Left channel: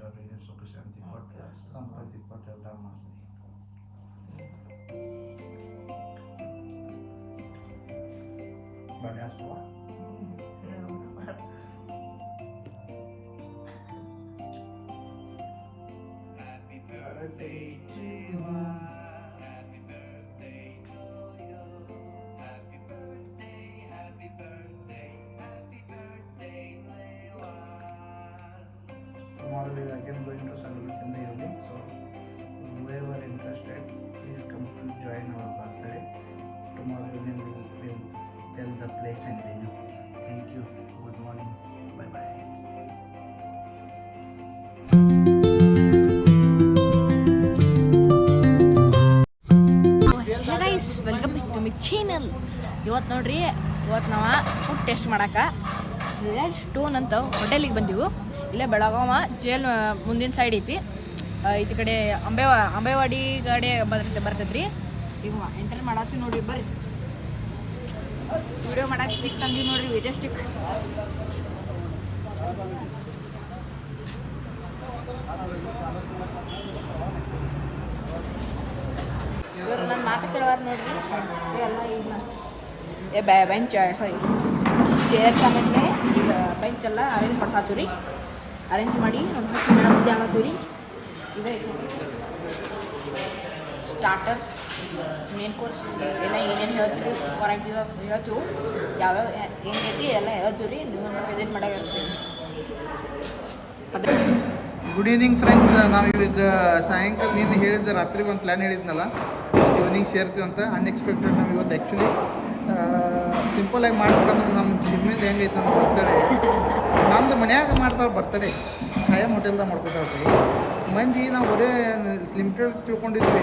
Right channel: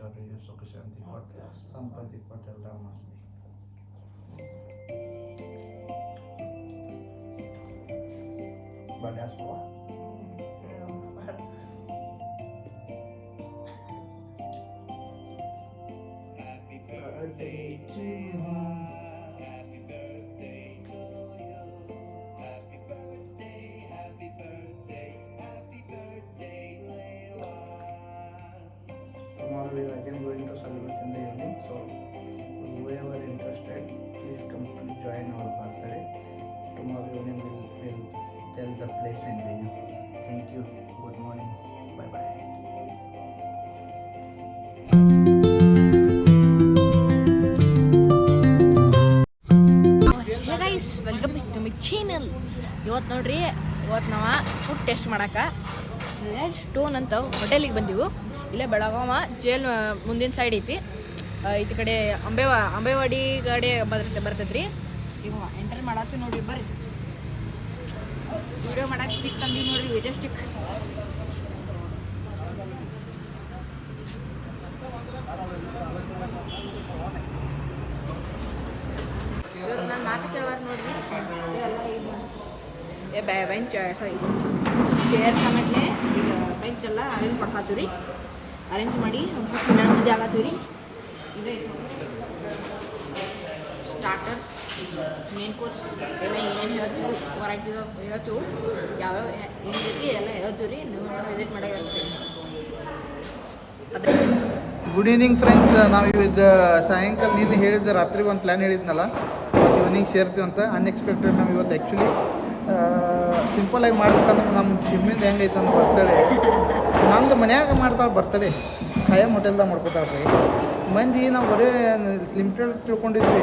ಐಶ್ವರ್ಯ ಸುಖ ಶಾಂತಿ ಕೊಟ್ಟು ಸಂಪತ್ತಿ ಕೊಟ್ಟು ಎಲ್ಲ ಮಾಡಲಿ. ಬರ್ಡೇ ಆಸ್ವಾ birthday to you. Happy birthday to you. Happy birthday, happy birthday, happy birthday, Lewa. Tomorrow we are again going to celebrate in the evening. So whoever interested, please come to join our birthday. Tomorrow evening we'll tell the place and venue. Thank you. Good morning. Bye bye. Welcome back to my channel. ಇವತ್ತು ನೋಡ್ರಿ, ಇವತ್ತು ನಾವು food taste ಮಾಡಕ್ಕೆ red stone ಅಂತ ಹೋಟೆಲಿಗೆ ಬಂದೀವಿ. ಇಲ್ಲೇ Belagavi jail ಮುಂದಿನ ಸೈಡ್ ಐತಿ. ಈಚೆ ಕಡೆ ಅಂಬೇವಾಡಿ ಗಾಡಿ ಬರ್ತೈತೆ ರೀ. ಈಗ ಎಂಟರ್ ಮಾಡತ್ತೀವಿ ನೋಡ್ರಿ, ಬರ್ರಿ. ವಿಡಿಯೋ ಮಾಡಕ್ಕೆ ಸ್ಟಿಕ್ ತಂದೀವಿ ನೋಡ್ರಿ, ವಿಡಿಯೋ ಸ್ಟಿಕ್. ಇವರು ನನ್ನ ಮಾತು ಕೇಳೋರು ನೋಡ್ರಿ. ಎಲ್ಲ ಈಗ ಬೆಂಚ್ ಸಾರಿ ಚೇರ್ ಸಾಮಾನ್ಯ ಈಗ ಬೆಂಚ್ ಎಲ್ಲ ಅರೇಂಜ್ ಮಾಡ್ಸಾತೀವಿ ರೀ. ಅರೇಂಜ್ ಮಾಡಿ ಒಂದು 10 minute ಮುಂದೆ ಆಗತ್ತೀವಿ ರೀ. ಇದೇ ಸ್ಟಾರ್ಟರ್ಸ್, ಮೇನ್ ಕೋರ್ಸ್ ಎಲ್ಲ ಏನೇನು ಹೇಳ್ತೀವಿ, ವಾರಂಟಿ ಹೇಳ್ತೀವಿ, ಯಾವ್ಯಾವ ಏನು ರೀತಿ ಎಲ್ಲ ಹೇಳ್ತೀವಿ ರೀ. ನೀವು ಒಂದು ವಿಸಿಟ್ ಮಾಡಾಗಿರ್ತೀವಿ. Good evening friends. ನಾವು ಈಗ ಸಾಯಂಕಾಲ ನೀನು ಹೇಳಿದ್ದೆ, ರಾತ್ರಿ ಒಂದು ಪ್ಲ್ಯಾನ್ ಹೇಳಿದ್ನಲ್ಲ, ಇವತ್ತು ಈವ್ನಿಂಗ್ ಸೇರ್ತೀವಿ ಅಂತ. ಅನ್ಎಕ್ಸ್ಪೆಕ್ಟೆಡ್ ನಾವು ಇವತ್ತು ಆ್ಯಕ್ಚುಲಿ ಸಿಂಪಲಾಗಿ ಮಾಡ್ಬೇಕಂದ್ರೆ ನಮ್ಮ ಜಿಮ್ಮಿಂದ ಹೆಂಗೈತೆ ಅಂತ ಬರ್ತಡೇ ನಮ್ದು ಮನ್ಯಾಗ ಮಾಡ್ತಾಳೆ ಬರ್ತಡೇ. ಖಾಯಂ ಹೋಟೆಲ್ದಾಗ ಮಾಡ್ಕೊತಾಳೆ ರೀ ಮಂದಿ. ನಾವು ಬರೀ ಲಿಮಿಟೆಡ್ ತಿಳ್ಕೊಂಡಿದ್ವಿ.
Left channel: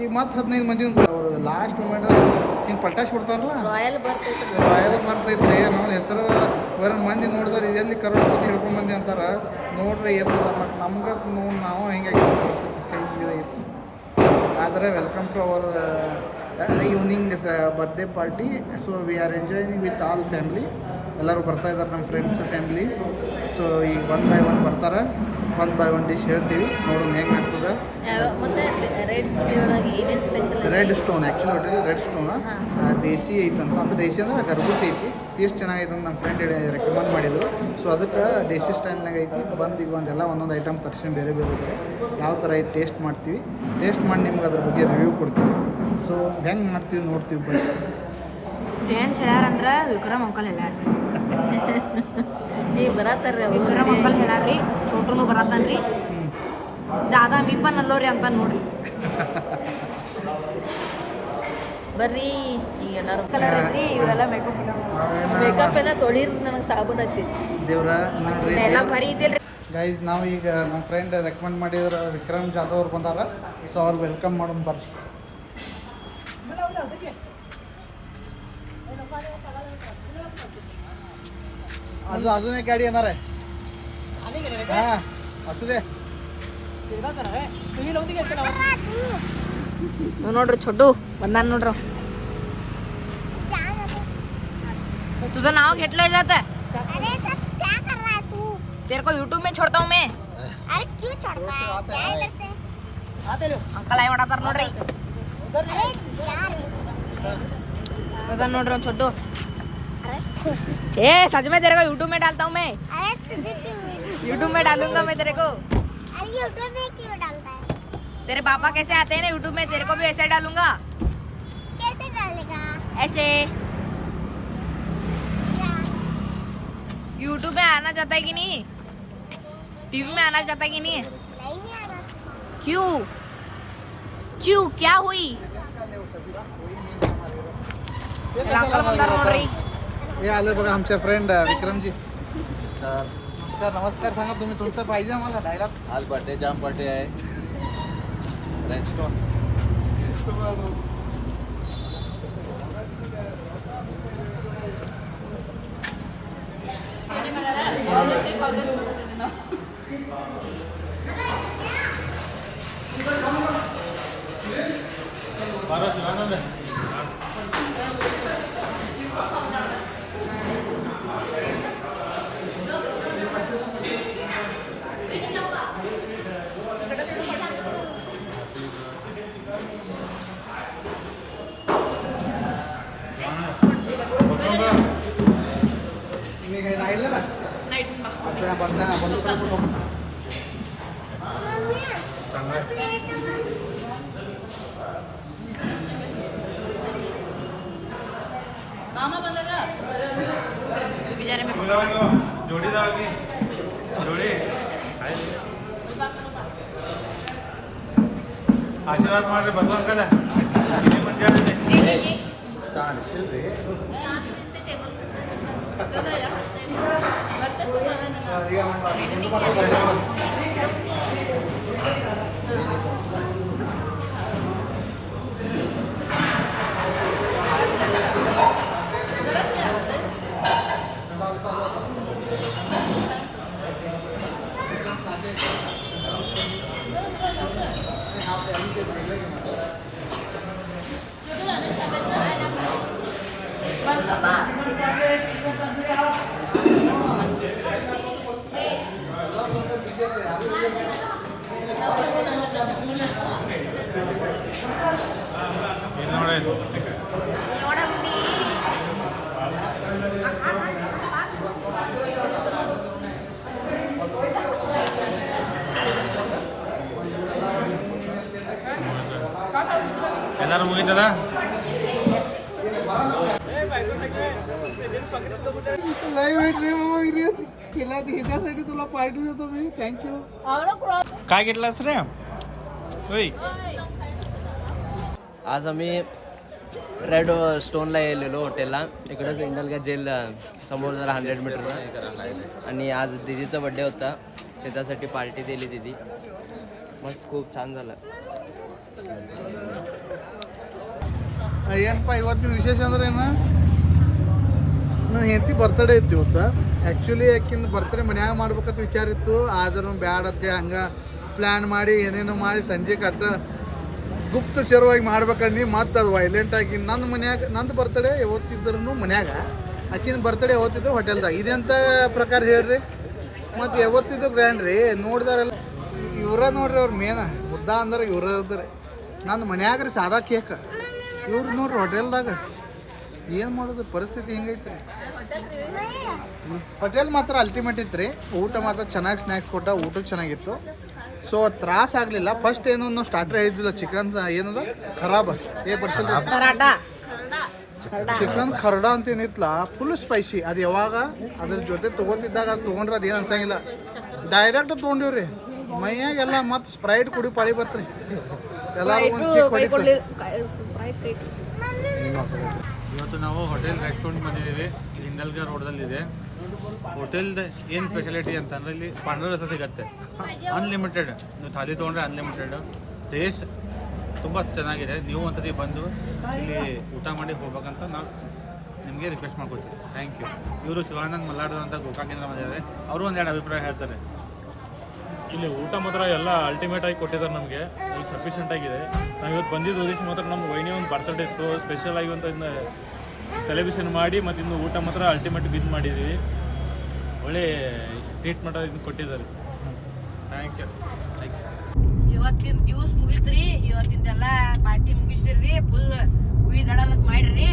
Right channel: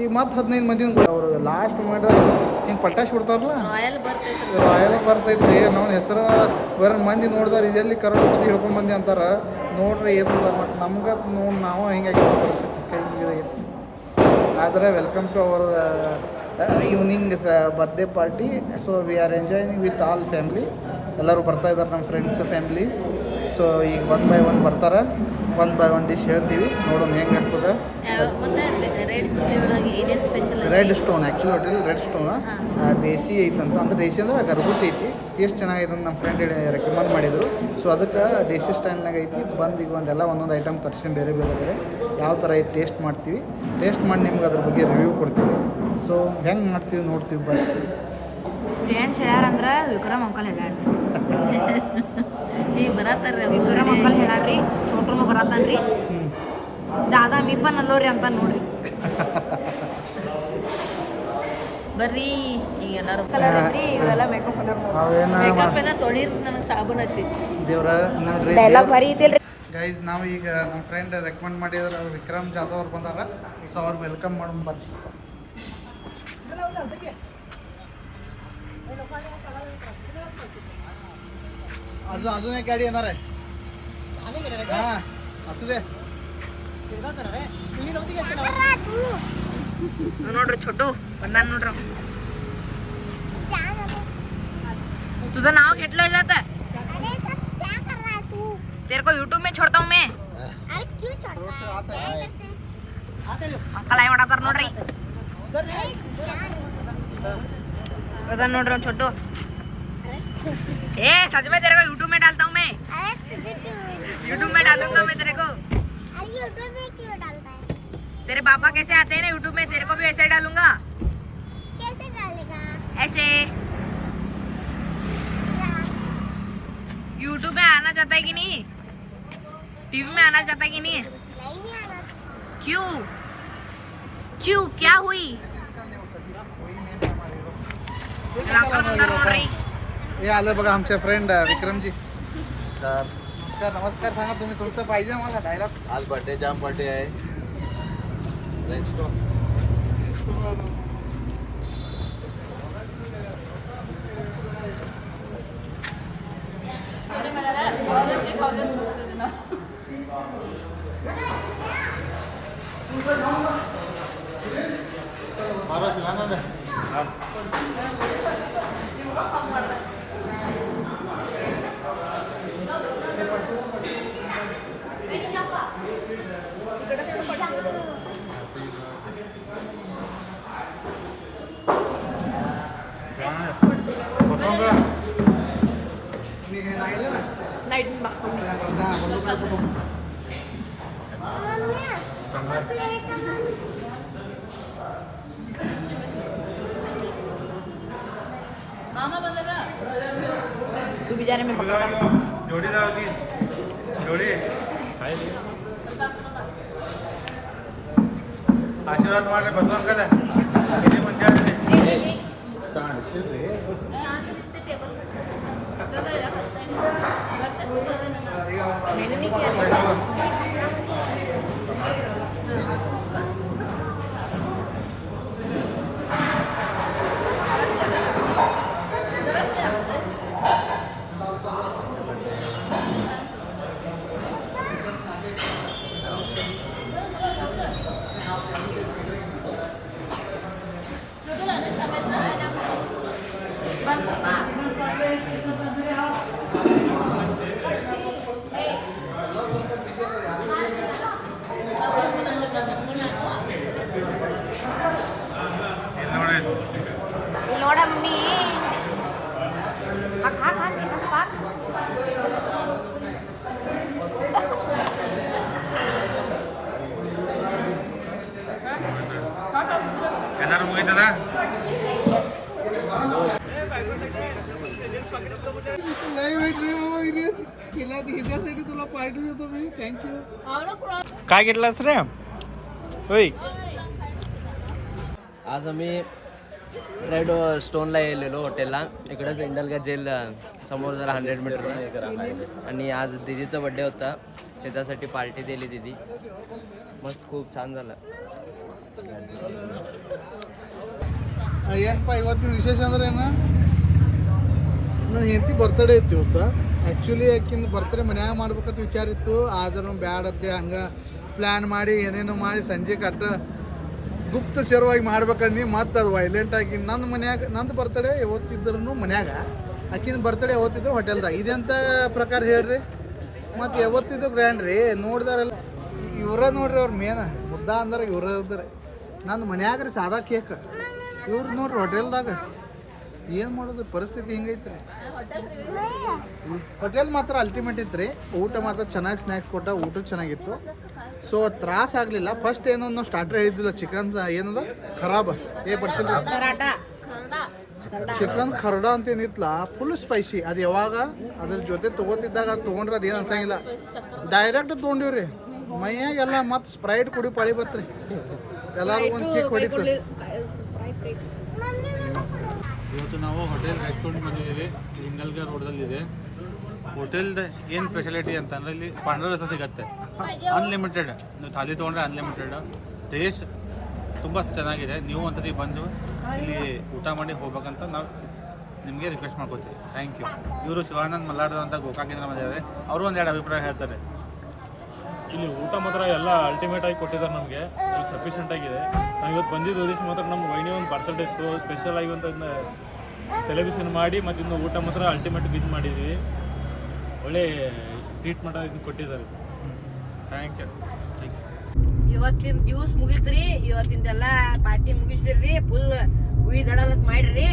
ಈಗ ಮತ್ತೆ 15 ಮಂದಿ ಅವರು ಲಾಸ್ಟ್ ಮೂಮೆಂಟ್ದಾಗ ಹಿಂಗೆ ಪಲ್ಟಾಶ್ ಬಿಡ್ತಾರಲ್ಲ, ರಾಯಲ್ ಬರ್ತೈತೆ ರೀ. ನಾವು ಹೆಸರು ಬರೋ ಮಂದಿ ನೋಡಿದಾರೆ, ಇದೆಲ್ಲಿ ಕರೋಡ್ಪತಿ ಹಿಡ್ಕೊಂಡು ಮಂದಿ ಅಂತಾರೆ ನೋಡ್ರಿ. ಇರಲಿಲ್ಲ ಮತ್ತು ನಮ್ಗೆ ನೋಡಿ ನಾವು ಹಿಂಗಾಗಿ ಪರಿಸ್ಥಿತಿ ಕೈ ಐತಿ. ಆದರೆ welcome to our evening birthday party. So we are enjoying with all family. ಎಲ್ಲರೂ ಬರ್ತಾಯಿದ್ದಾರೆ, ನಮ್ಮ ಫ್ರೆಂಡ್ಸ್ ಫ್ಯಾಮ್ಲಿ. ಸೊ ಈಗ 1 by 1 ಬರ್ತಾರೆ. 1 by 1 ಡಿಶ್ ಹೇಳ್ತೀವಿ, ನೋಡೋಣ ಹೆಂಗೆ ಆಗ್ತದೆ. Red stone actually hotel red stone ದೇಸಿ ಐತಂತ. ಅಂದ್ರೆ ದೇಸಿ ಅಂದ್ರೆ ಗರ್ಭುತಿ ಐತಿ. ಟೇಸ್ಟ್ ಚೆನ್ನಾಗೈತೆ ಅಂತ ನಮ್ಮ ಫ್ರೆಂಡ್ ರೆಕಮೆಂಡ್ ಮಾಡಿದರು. ಸೊ ಅದಕ್ಕೆ ದೇಸಿ ಸ್ಟೈಲ್ನಾಗ ಐತಿ. ಬಂದು ಈಗ ಒಂದೊಂದು ಐಟಮ್ ತರಿಸಿ ಬೇರೆ ಯಾವ ಥರ ಐತಿ ಟೇಸ್ಟ್ ಮಾಡ್ತೀವಿ. ಟೇಸ್ಟ್ ಮಾಡಿ ನಿಮ್ಗೆ ಅದ್ರ ಬಗ್ಗೆ ರಿವ್ಯೂ ಕೊಡ್ತೀವಿ. ಸೊ ಹೆಂಗೆ ಮಾಡ್ತೀವಿ ನೋಡ್ತೀವಿ ಬರ್ರಿ. ಫ್ರೆಂಡ್ಸ್ ಹೇಳ್ಯಾರಂದ್ರೆ ವಿಕ್ರಮ್ ಅಂಕಲ್ ಹೇಳ್ಯಾರ. ವಿಕ್ರಮ್ ಅಂಕಲ್ ಹೇಳ್ಯಾರ್ರಿ, ಚೋಟ್ರೂ ಬರತ್ತಾನ್ರಿ, ದಾದಾ ಮೀಪನ್ ಅಲ್ಲೋರಿ ಅಂತ ನೋಡ್ರಿ. ಬರ್ರಿ ಈಗ ಎಲ್ಲರೂ ಕಲರ್ ಐತ್ರಿ. ಇವೆಲ್ಲ ಮೇಕಪ್ ಎಲ್ಲ ತೊಳಿರ್ ನನಗೆ ಸಾಬೂನು ಹಚ್ಚಿ ದೇವ್ರ ನೋಡ್ರಿ. ಡೈಲಾಗ್ ಬರೀ ಐತಿಲ್ರಿ ಗೈಸ್. ನಾವು ಈಗ ನಮ್ಮ ಫ್ರೆಂಡ್ ರೆಕಮೆಂಡ್ ಮಾಡಿದ್ರು ವಿಕ್ರಮ್ ಜಾಧವ್ ಅವ್ರು ಬಂದಾರ. ಸೊ ಅವ್ರು ವೆಲ್ಕಮ್ ಮಾಡೋಣ ಬರ್ರಿ. ಅದೇ ಗಾಡಿ ಏನಾರೆ ನೋಡ್ರಿ, छोटू बंदा ನೋಡ್ರಿ. तुझं नाव घेतलं जात है? अरे सब क्या कर रहा है तू? तेरे को YouTube में छोड़ता हूँ मैं. अरे क्यों छोड़ता है? क्या इधर से? अंकल आई वड़ा पर ನೋಡ್ರಿ. अरे यार बंदा ನೋಡ್ರಿ ಒಂದು छोटू. ए सच में तेरे को YouTube में डालता हूँ मैं. अरे तुझे क्यों? YouTube में डालूंगा मैं तेरे को. अरे YouTube में क्यों डालता है? तेरे पापा कैसे आते हैं ना YouTube में, तेरे को भी ऐसे डालूंगा. कैसे डालेगा? ऐसे क्या? YouTube में आना चाहता है कि नहीं? टीवी में आना चाहता है कि नहीं? नहीं आ रहा. क्यों क्यों क्या हुई? अंकल बंदार ನೋಡ್ರಿ. हे आलं बघा आमच्या फ्रेंड विक्रमजी. नमस्कार नमस्कार. सांगा तुम्ही, तुमचं पाहिजे आम्हाला डायलॉग. आज बर्थडे जाम बर्थडे आहे. रेड स्टोन ಮಾಮ ಬಂದಾಗ ಬಿಜಾರಿ ಆಶೀರ್ವಾದ ಮಾಡ್ರಿ ಭಗವಂತ ಕಡೆ ನೋಡಮ್ಮಿ ಎಲ್ಲರೂ ಮುಗಿತದ ह्याच्यासाठी तुला पार्टी देतो मी थँक्यू काय घेतलास रे होय आज आम्ही रेड स्टोनला गेलेलो हॉटेलला इकडंच इंडलगा जेल समोर जरा 100 मीटरला आणि आज दिदीचा बड्डे होता त्याच्यासाठी पार्टी दिली दिदी मस्त खूप छान झालं ಏನಪ್ಪ ಇವತ್ತಿನ ವಿಶೇಷ ಅಂದ್ರೆ ಏನು ನನ್ನ ಹೆಂಡತಿ ಬರ್ತಡೇ ಇತ್ತು ಇವತ್ತು ಆ್ಯಕ್ಚುಲಿ ಆಕಿನ ಬರ್ತಡೇ ಮನ್ಯಾಗ ಮಾಡ್ಬೇಕಂತ ವಿಚಾರ ಇತ್ತು ಆದ್ರೂ ಬ್ಯಾಡತ್ತೆ ಹಂಗೆ ಪ್ಲ್ಯಾನ್ ಮಾಡಿ ಏನೇನೋ ಮಾಡಿ ಸಂಜೆ ಕಟ್ಟ ಗುಪ್ತಚರವಾಗಿ ಮಾಡ್ಬೇಕಂದು ಮತ್ತು ಅದು ವೈಲೆಂಟ್ ಆಗಿ ನನ್ನ ಮನ್ಯಾಗ ನಂದು ಬರ್ತಡೇ ಯಾವತ್ತಿದ್ರೂ ಮನ್ಯಾಗ ಆಕಿನ ಬರ್ತಡೇ ಯಾವತ್ತಿದ್ರು ಹೋಟೆಲ್ದಾಗ ಇದೆಂಥ ಪ್ರಕಾರ ಹೇಳ್ರಿ ಮತ್ತು ಯಾವತ್ತಿದ್ರು ಗ್ರ್ಯಾಂಡ್ ರೀ ನೋಡಿದಾರೆಲ್ಲ ಇವ್ರ ನೋಡ್ರಿ ಅವ್ರ ಮೇನ ಮುದ್ದ ಅಂದ್ರೆ ಇವ್ರ ಇರ್ತಾರೆ ನನ್ನ ಮನ್ಯಾಗ ರೀ ಸಾದಾ ಕೇಕ್ ಇವ್ರು ನೋಡ್ರಿ ಹೋಟೆಲ್ದಾಗ ಏನು ಮಾಡೋದು ಪರಿಸ್ಥಿತಿ ಹಿಂಗೈತೆ ರೀ ಹೋಟೆಲ್ ಮಾತ್ರ ಅಲ್ಟಿಮೇಟ್ ಇತ್ತು ರೀ ಊಟ ಮಾತ್ರ ಚೆನ್ನಾಗಿ ಸ್ನ್ಯಾಕ್ಸ್ ಕೊಟ್ಟ ಊಟ ಚೆನ್ನಾಗಿತ್ತು ಸೊ ತ್ರಾಸ ಆಗಲಿಲ್ಲ ಫಸ್ಟ್ ಏನೋ ಸ್ಟಾರ್ಟರ್ ಹೇಳಿದ್ದಿಲ್ಲ ಚಿಕನ್ ಏನದ ಖರಾಬ ಪಡಿಸಿಲ್ಲ ಕರಾಟ ಚಿಕನ್ ಖರ್ಡ ಅಂತ ಏನಿತ್ತಲ್ಲ ಫುಲ್ ಸ್ಪೈಸಿ ಅದು ಯಾವಾಗ ಅದ್ರ ಜೊತೆ ತೊಗೋತಿದ್ದಾಗ ಅದು ತೊಗೊಂಡ್ರೆ ಅದೇನು ಅನ್ಸಂಗಿಲ್ಲ ಡೈರೆಕ್ಟ್ ತೊಗೊಂಡಿವ್ರಿ ಮೈಯಾಗೆಲ್ಲ ಮತ್ತು ಸ್ಪ್ರೈಟ್ ಕುಡಿ ಪಾಳಿ ಬತ್ರಿ ಎಲ್ಲರೂ ಒಂದು ಕೇಕ್ ಹೊಡಿತು ಇವತ್ತು ನಾವು ಹೋಟೆಲ್ ರೆಸ್ಟೋರೆಂಟ್ ಬಂದಿದ್ದೀವಿ ಇಂಡಲ್ಗರ್ ರೋಡಲ್ಲಿದೆ ಹೋಟೆಲ್ದು ಏನು ಸ್ಪೆಷಾಲಿಟಿ ಅಂತಂದರೆ ಇಲ್ಲಿ ಪಾಂಡ್ರ ರಸ ಸಿಗುತ್ತೆ ಅನ್ಲಿಮಿಟೆಡ್ ನೀವು ಥಾಲಿ ತೊಗೊಂಡ್ರೆ ಅನ್ಲಿಮಿಟೆಡ್ ಟೇಸ್ಟ್ ತುಂಬ ಚೆನ್ನಾಗಿದೆ ನೀವು ಒಂದ್ಸತಿ ಬಂದು ಇಲ್ಲಿ ಊಟ ಮಾಡಿ ಹೋಗ್ಬೇಕಂತ ನಾವು ನಿಮಗೆ ರಿಕ್ವೆಸ್ಟ್ ಮಾಡ್ಕೊತೀವಿ ಥ್ಯಾಂಕ್ ಯು ಇವರು ಶಿವಾನಂದ್ ಮಲ್ಲಾಡ್ ಅಂತ ಗೋಕಾಕಿಂದ ಬಂದಿದ್ದಾರೆ ಅವರು ಒಂದೆರಡು ಅಭಿಪ್ರಾಯ ಹೇಳ್ತಾರೆ ಇಲ್ಲಿ ಊಟ ಮಾತ್ರ ಎಲ್ಲ ಅಲ್ಟಿಮೇಟ್ ಆಗಿ ಕೊಟ್ಟಿದ್ದಾರೆ ನಮಗೆ ಇಲ್ಲಿ ಸಫಿಷಿಯೆಂಟ್ ಆಗಿದೆ ನಾವು ಇವತ್ತು ಬಂದಿದ್ದು ಉದ್ದೇಶ ಮಾತ್ರ ನಮ್ಮ ವೈನಿ ಒಂದು ಬರ್ತಡೇ ಇತ್ತು ಸ್ಪೆಷಲ್ ಆಗಿ ಅಂತ ಇದನ್ನ ಸೆಲೆಬ್ರೇಷನ್ ಮಾಡಿ ಮತ್ತು ಇನ್ನು ಊಟ ಮಾತ್ರ ಅಲ್ಟಿಮೇಟ್ ಇದು ಮಾಡಿದ್ದೀವಿ ಒಳ್ಳೆ ಟ್ರೀಟ್ಮೆಂಟ್ ಇದನ್ನು ಕೊಟ್ಟಿದ್ದಾರೆ ಥ್ಯಾಂಕ್ ಯು ಇವತ್ತಿನ ದಿವ್ಸ ಮುಗಿತ್ರಿ ಇವತ್ತಿಂದೆಲ್ಲ ಪಾರ್ಟಿ ಮುಗಿಸಿರ್ರಿ ಫುಲ್ ಉಯ್ದಡಲಕ್ ಮಾಡಿರಿ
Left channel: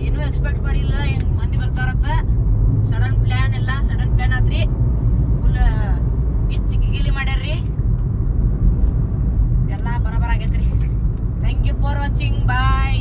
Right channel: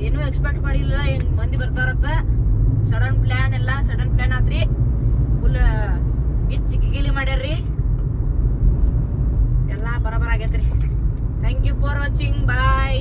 ಏನೂ ಎಕ್ಸ್ಪೆಕ್ಟ್ ಮಾಡಿಲ್ಲ ಹೆಂಗ್ ಮಂದಿ ಬರ್ತಾರತ್ತ ಸಡನ್ ಪ್ಲಾನ್ ಆತ್ರಿ ಫುಲ್ ಗಿಲಿ ಮಾಡ್ಯಾರ್ರಿ ಎಲ್ಲ ಬರಬರ ಆಗೈತ್ರಿ thank you for watching bye